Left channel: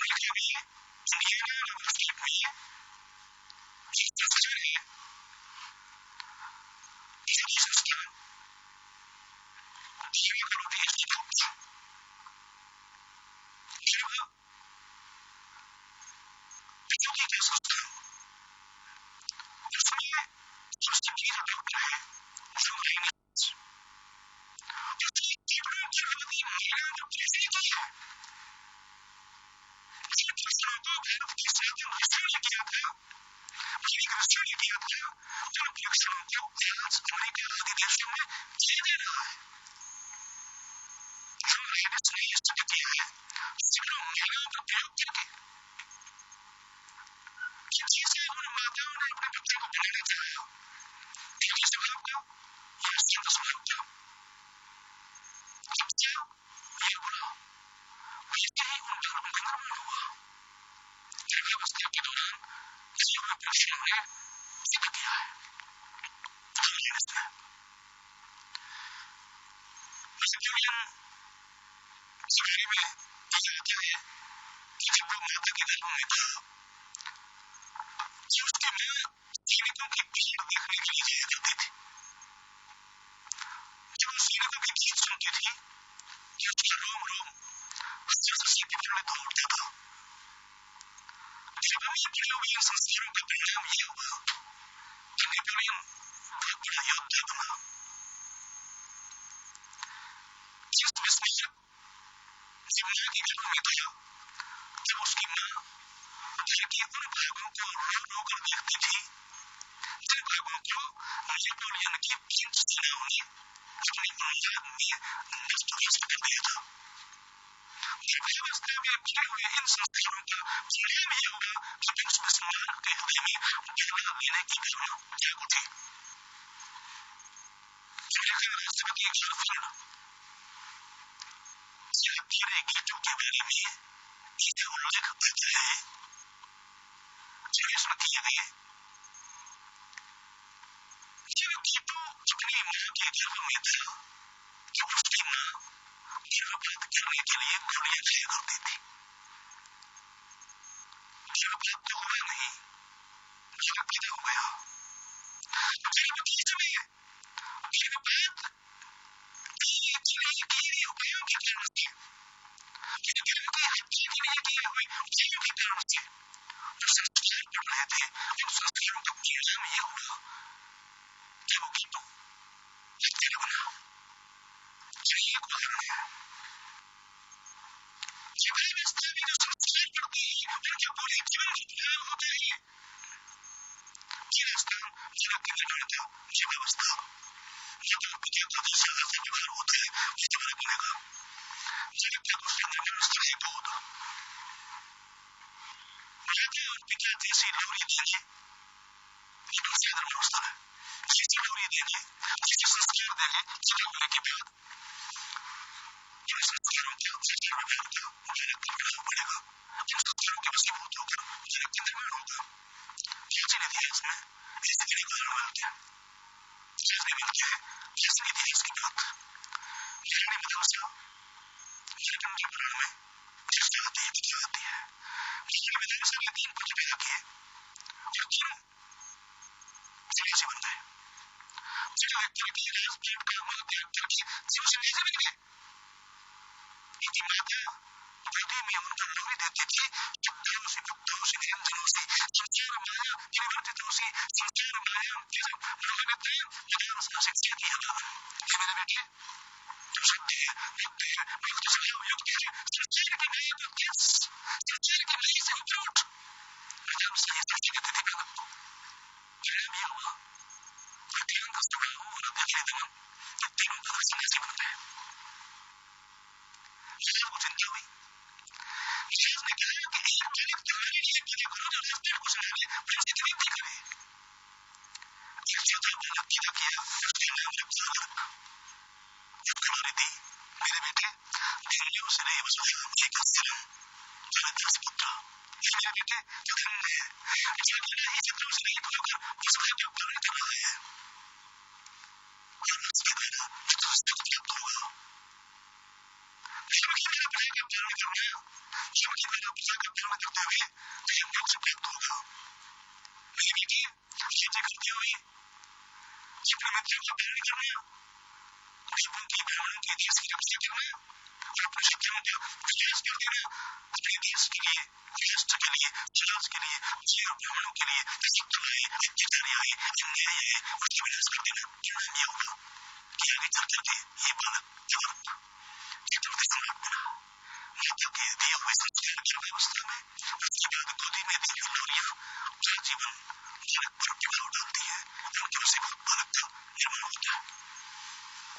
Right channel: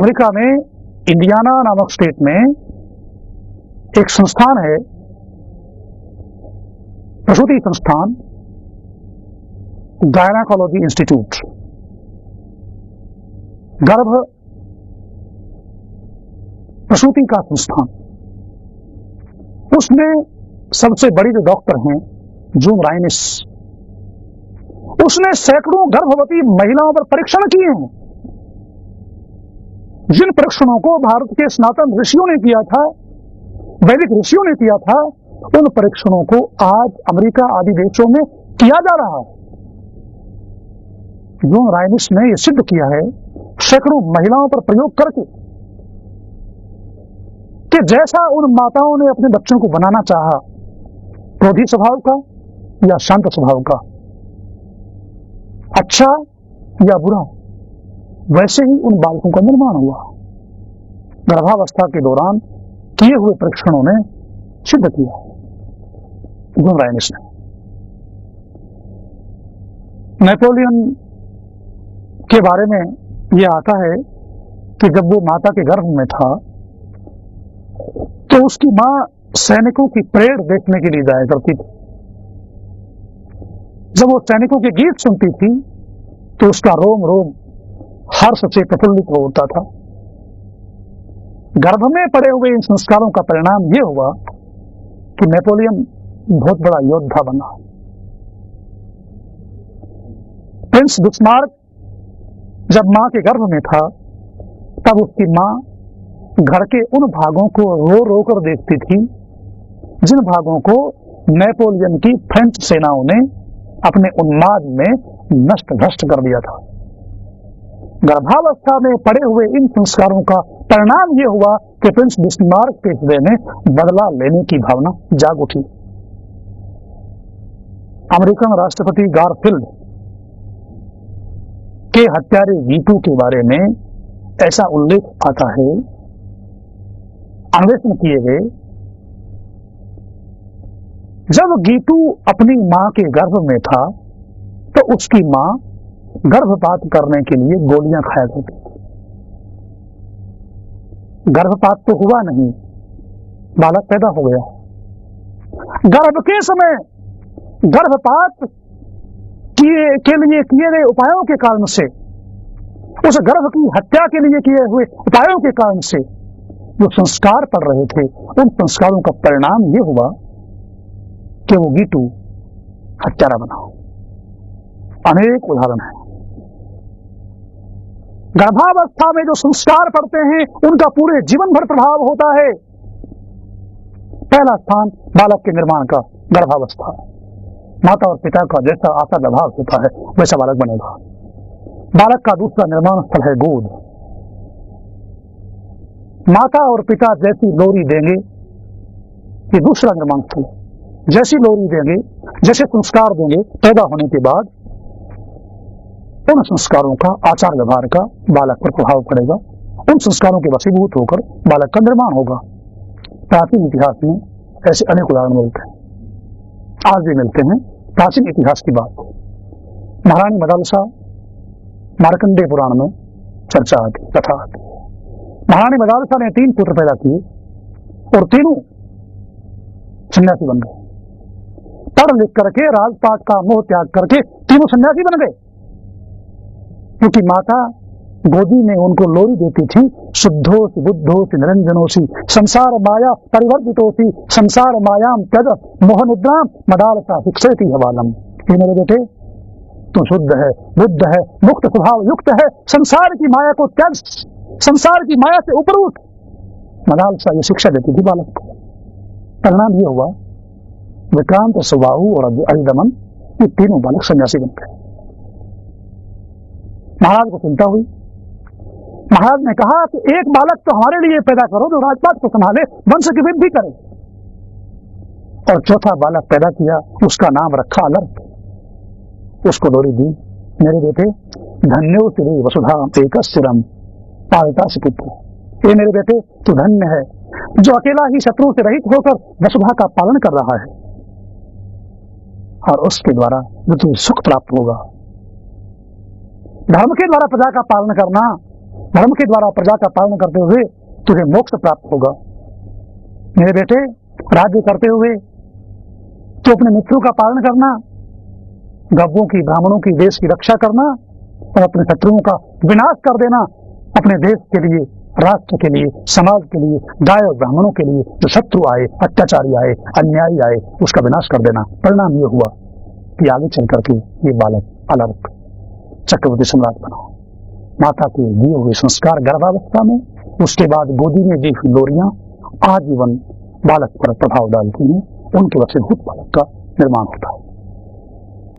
America में Indiana नामक state में एक संस्थान है, प्रसूति संस्थान, गायनाकोलॉजी इंस्टीट्यूट, गर्भ प्रसूति का संस्थान। उसमें सबसे बड़ी जो डॉक्टर हैं जून राइनिस, उसने सैकड़ों गर्भवती महिलाओं पर परीक्षण किए हैं। जिन परीक्षणों को भारत के सनातन ऋषियों ने किया था, वैदिक ऋषियों ने किया था, उन परीक्षणों को आज अमेरिका आदि देशों में किया जा रहा है। जून राइनिस ने यह सिद्ध किया है सैकड़ों महिलाओं पर प्रयोग करके कि जैसा उन माताओं ने अपने बच्चों को बनाना चाहा, क्रोधी स्वभाव का या शांत स्वभाव का, अच्छा या बुरा, वैसे ही उन बालकों का निर्माण हुआ। गर्भावस्था के दौरान किए हुए परीक्षणों ने सिद्ध किया है जून राइनिस ने। नेपोलियन के बारे में यह आता है कि जब वो माता के गर्भ में था तो उसकी मां सैनिकों की परेड देखने के लिए जाया करती थी। जब वो सैनिकों के गीत सुनती थी तो उसका रोम रोम हर्ष से प्रफुल्लित हो उठता था। गर्भ में पड़े हुए इन संस्कारों का परिणाम यह हुआ कि नेपोलियन बहुत बड़ा योद्धा बना। प्रिंस बिस्मार्क जब मां के गर्भ में था तब उसकी मां घर के उन भागों को रो रो कर देखती थी जिन भागों को नेपोलियन की फ्रेंच सेनाओं ने अपने उन्माद में नष्ट भ्रष्ट कर दिया था। गर्भावस्था में पड़े हुए इन संस्कारों का परिणाम यह हुआ कि प्रिंस बिस्मार्क के हृदय में बदला लेने की भावना जाग उठी। अमेरिकन राष्ट्रपति गारफील्ड के हत्यारे गीटू के बारे में ऐसा उल्लेख आता है, अन्वेषण किए गए, जब गीटू अपनी मां के गर्भ में था तो उसकी मां गर्भपात करने के लिए गोलियां खाया करती थी। गर्भपात तो हुआ नहीं, बालक पैदा हो गया। गर्भ के समय गर्भपात के लिए किए गए उपायों के कारण से, उस गर्भ की हत्या के लिए किए हुए उपायों के कारण से जो संस्कार पड़ रहे थे, उन संस्कारों का परिणाम यह हुआ कि वो गीटू हत्यारा बना। अनेक उदाहरण हैं। गर्भावस्था में जो संस्कार पड़ते हैं उनका पूरे जीवन भर प्रभाव होता है। पहला स्थान बालक के निर्माण का गर्भावस्था। माता और पिता का जैसा आचार व्यवहार होता है वैसा बालक बनेगा। बालक का दूसरा निर्माण स्थल है गोद। माता और पिता जैसी लोरी देंगे, ये दूसरा निर्माण स्थल है। जैसी लोरी देंगे, जैसे संस्कार देंगे, पैदा होने के बाद उन संस्कारों का, आचार व्यवहार का बालक पर प्रभाव पड़ेगा। उन संस्कारों के वशीभूत होकर बालक का निर्माण होगा। प्राचीन इतिहास में ऐसे अनेक उदाहरण मिलते हैं, आज भी मिलते हैं। प्राचीन इतिहास की बात महारानी मदालसा मार्कंडेय पुराण में चर्चा आती है, कथा आती है। महारानी मदालसा ने 3 पुत्र पैदा किए और तीनों सन्यासी बन गए। पढ़ लिख करके, राजपाट का मोह त्याग करके तीनों सन्यासी बन गए, क्योंकि माता गोदी में उनको लोरी देती थी, शुद्धोसी बुद्धोसी निरंजनोसी संसार माया परिवर्जितोसी संसार मायाम त्यज मोह निद्राम मदालसा शिक्षयति हवालम। ये मेरे बेटे, तू शुद्ध है, बुद्ध है, मुक्त स्वभाव युक्त है, संसार की माया को त्यज, संसार की माया से ऊपर उठ। मदालसा ये शिक्षा देती थी बालक को। परिणाम ये हुआ, विक्रांत, सुबाहु और अरिदमन, ये तीनों बालक सन्यासी बन गए। महाराज को चिंता हुई। महाराज ने कहा कि एक बालक तो हमारे लिए पैदा करो जो राजपाट को संभाले, वंश की वृद्धि करे। और चौथा बालक पैदा किया, उसका नाम रखा अलर्क। उसको लोरी दी, मेरे बेटे धन्यो सिरे वसुधा एकस्थिरम पालितासि पुत्र। ये मेरे बेटे तू धन्य है जो अकेला ही शत्रुओं से रहित होकर वसुधा का पालन कर रहा है, और उसके द्वारा जो तुझे सुख प्राप्त होगा। धर्म के द्वारा प्रजा का पालन करना, धर्म के द्वारा प्रजा का पालन करते हुए तुझे मोक्ष प्राप्त होगा। मेरे बेटे, राज्य करते हुए तो अपने मित्रों का पालन करना, गव्यों की, ब्राह्मणों की, देश की रक्षा करना और अपने शत्रुओं का विनाश कर देना। अपने देश के लिए, राष्ट्र के लिए, समाज के लिए, गाय और ब्राह्मणों के लिए जो शत्रु आए, अत्याचारी आए, अन्यायी आए, उसका विनाश कर देना। परिणाम यह हुआ कि आगे चल करके ये बालक अलर्क चक्रवर्ती सम्राट बना। माता के दिए हुए संस्कार गर्भावस्था में, उसके बाद गोदी में दी हुई लोरियां आजीवन बालक पर प्रभाव डालती हैं, उनके वशीभूत बालक का निर्माण होता है।